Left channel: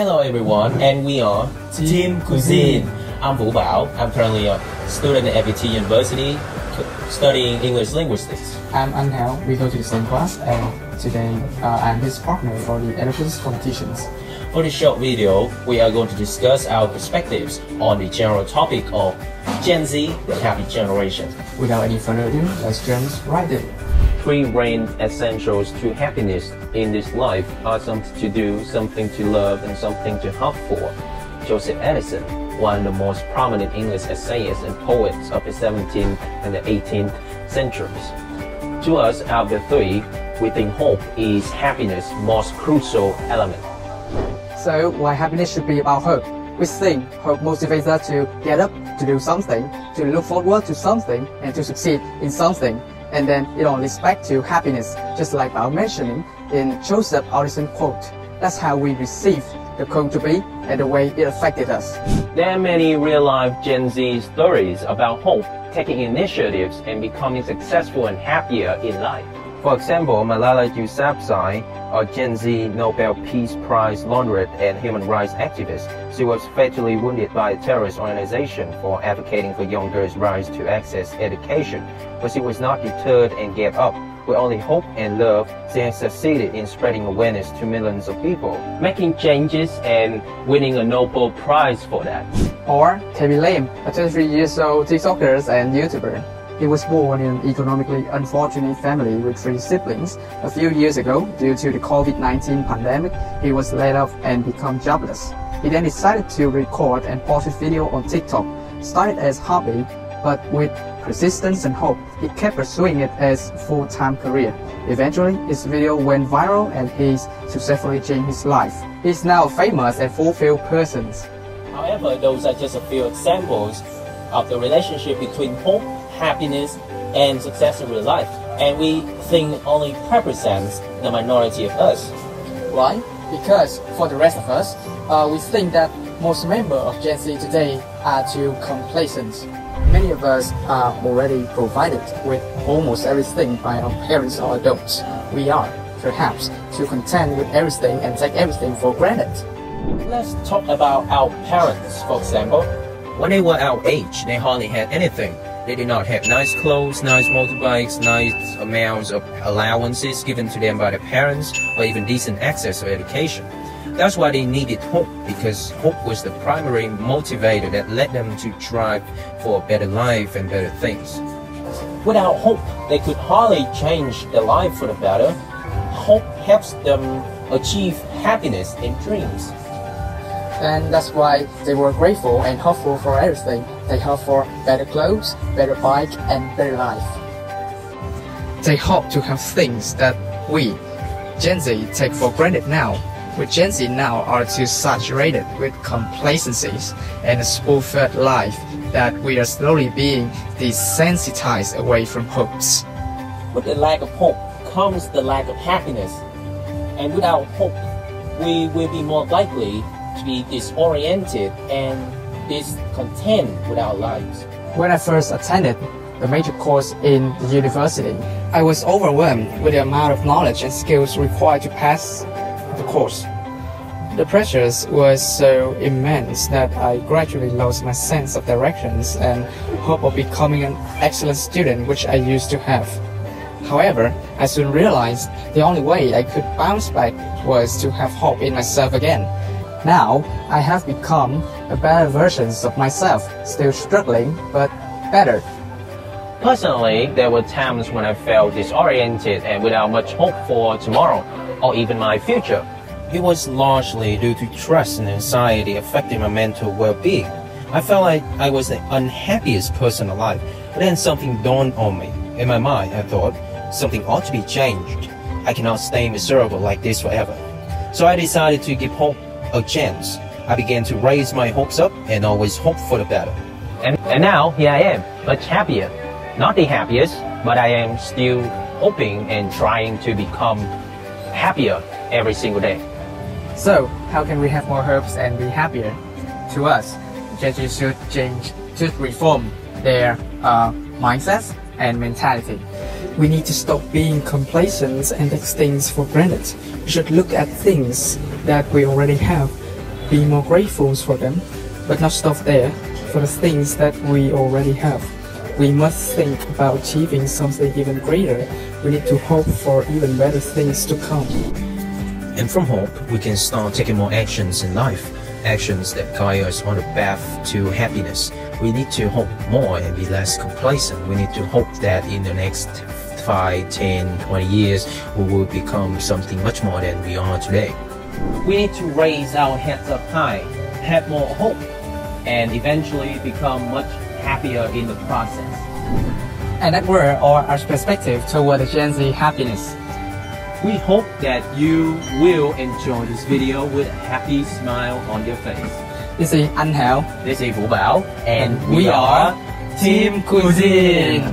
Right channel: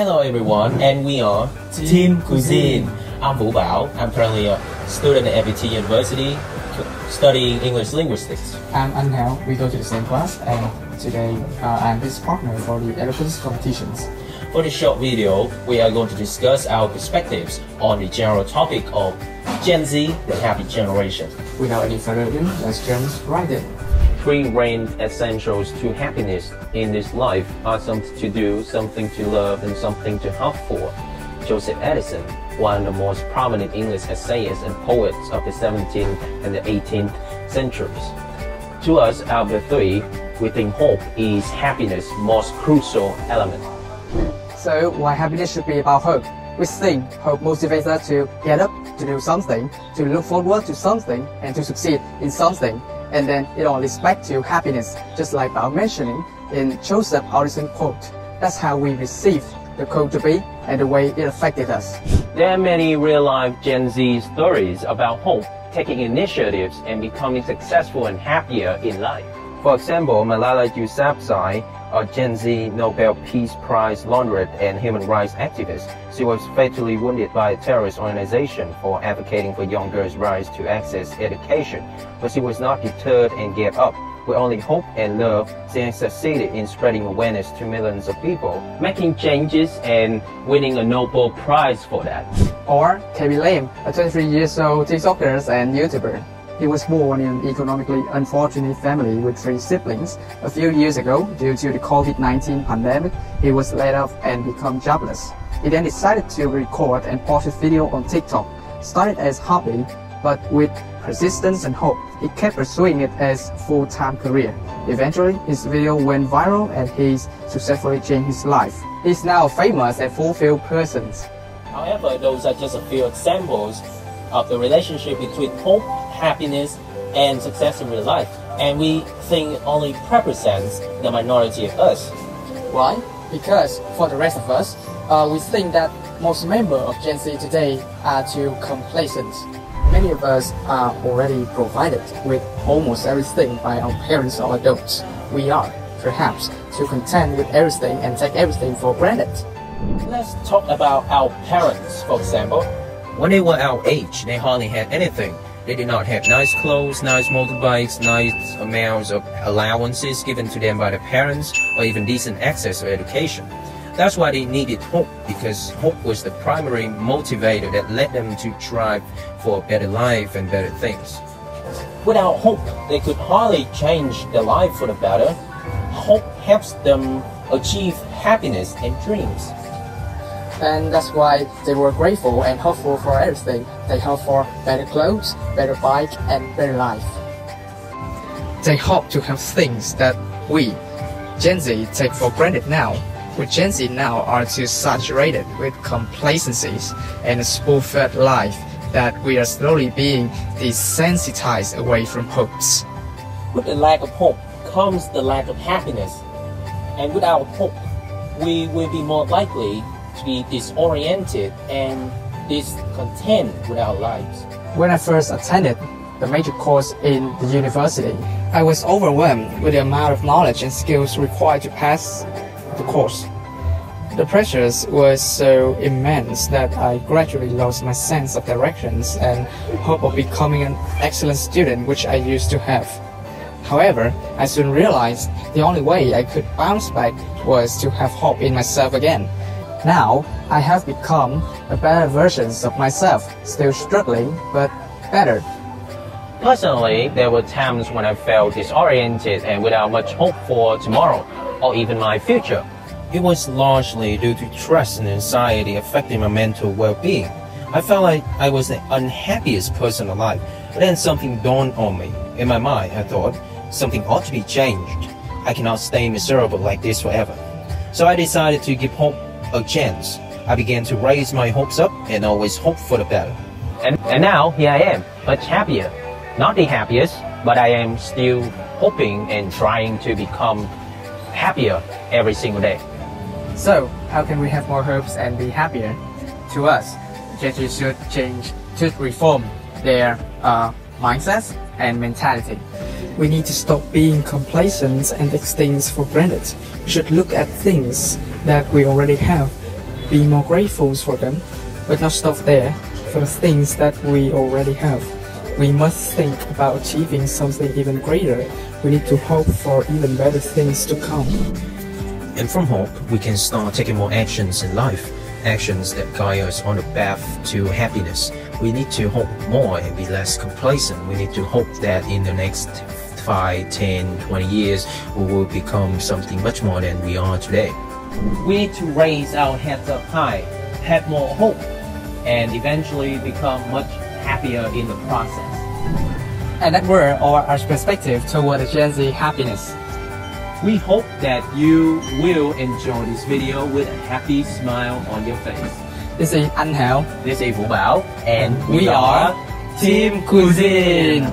Hello everyone, and we are Team Cuisine. I'm Vũ Bảo. I'm currently a student at FET University studying English linguistics. I'm Angel. We go to the same class, and today I'm his partner for the Eloquence competitions. For this short video, we are going to discuss our perspectives on the general topic of Gen Z, the happy generation. Without any further ado, let's jump right in. Three main essentials to happiness in this life are something to do, something to love, and something to hope for. Joseph Edison, one of the most prominent English essayists and poets of the 17th and the 18th centuries. To us, out of the three, we think hope is happiness' most crucial element. So, why happiness should be about hope? We think hope motivates us to get up, to do something, to look forward to something, and to succeed in something. And then it all leads back to happiness, just like Bao mentioning in Joseph Edison's quote. That's how we receive the quote to be and the way it affected us. There are many real-life Gen Z stories about hope, taking initiatives and becoming successful and happier in life. For example, Malala Yousafzai, a Gen Z Nobel Peace Prize laureate and human rights activist. She was fatally wounded by a terrorist organization for advocating for young girls' rights to access education, but she was not deterred and gave up. With only hope and love, she has succeeded in spreading awareness to millions of people, making changes and winning a Nobel Prize for that. Or Tabby Lam, a 23-year-old TikToker and YouTuber. He was born in an economically unfortunate family with 3 siblings. A few years ago, due to the COVID-19 pandemic, he was laid off and became jobless. He then decided to record and post a video on TikTok. Started as a hobby, but with persistence and hope, he kept pursuing it as a full-time career. Eventually, his video went viral and he successfully changed his life. He's now famous and fulfilled person. However, those are just a few examples of the relationship between hope, happiness, and success in real life. And we think only represents the minority of us. Why? Because for the rest of us, we think that most members of Gen Z today are too complacent. Many of us are already provided with almost everything by our parents or adults. We are, perhaps, too content with everything and take everything for granted. Let's talk about our parents, for example. When they were our age, they hardly had anything. They did not have nice clothes, nice motorbikes, nice amounts of allowances given to them by their parents, or even decent access to education. That's why they needed hope, because hope was the primary motivator that led them to strive for a better life and better things. Without hope, they could hardly change their life for the better. Hope helps them achieve happiness and dreams. And that's why they were grateful and hopeful for everything. They hope for better clothes, better bike, and better life. They hope to have things that we, Gen Z, take for granted now. We Gen Z now are too saturated with complacencies and a spoon-fed life that we are slowly being desensitized away from hopes. With the lack of hope comes the lack of happiness. And without hope, we will be more likely to be disoriented and discontent with our lives. When I first attended the major course in the university, I was overwhelmed with the amount of knowledge and skills required to pass the course. The pressures was so immense that I gradually lost my sense of directions and hope of becoming an excellent student, which I used to have. However, I soon realized the only way I could bounce back was to have hope in myself again. Now, I have become a better version of myself, still struggling, but better. Personally, there were times when I felt disoriented and without much hope for tomorrow, or even my future. It was largely due to stress and anxiety affecting my mental well-being. I felt like I was the unhappiest person alive, but then something dawned on me. In my mind, I thought, something ought to be changed. I cannot stay miserable like this forever. So I decided to give hope a chance. I began to raise my hopes up and always hope for the better. And now, here I am, much happier. Not the happiest, but I am still hoping and trying to become happier every single day. So, how can we have more hopes and be happier? To us, Gen Z should reform their mindsets and mentality. We need to stop being complacent and take things for granted. We should look at things that we already have be more grateful for them, but not stop there for the things that we already have. We must think about achieving something even greater. We need to hope for even better things to come. And from hope, we can start taking more actions in life, actions that guide us on the path to happiness. We need to hope more and be less complacent. We need to hope that in the next 5, 10, 20 years, we will become something much more than we are today. We need to raise our heads up high, have more hope, and eventually become much happier in the process. And that were our perspective toward the Gen Z happiness. We hope that you will enjoy this video with a happy smile on your face. This is Anh Hảo. This is Vũ Bảo, and We are Team Cuisine.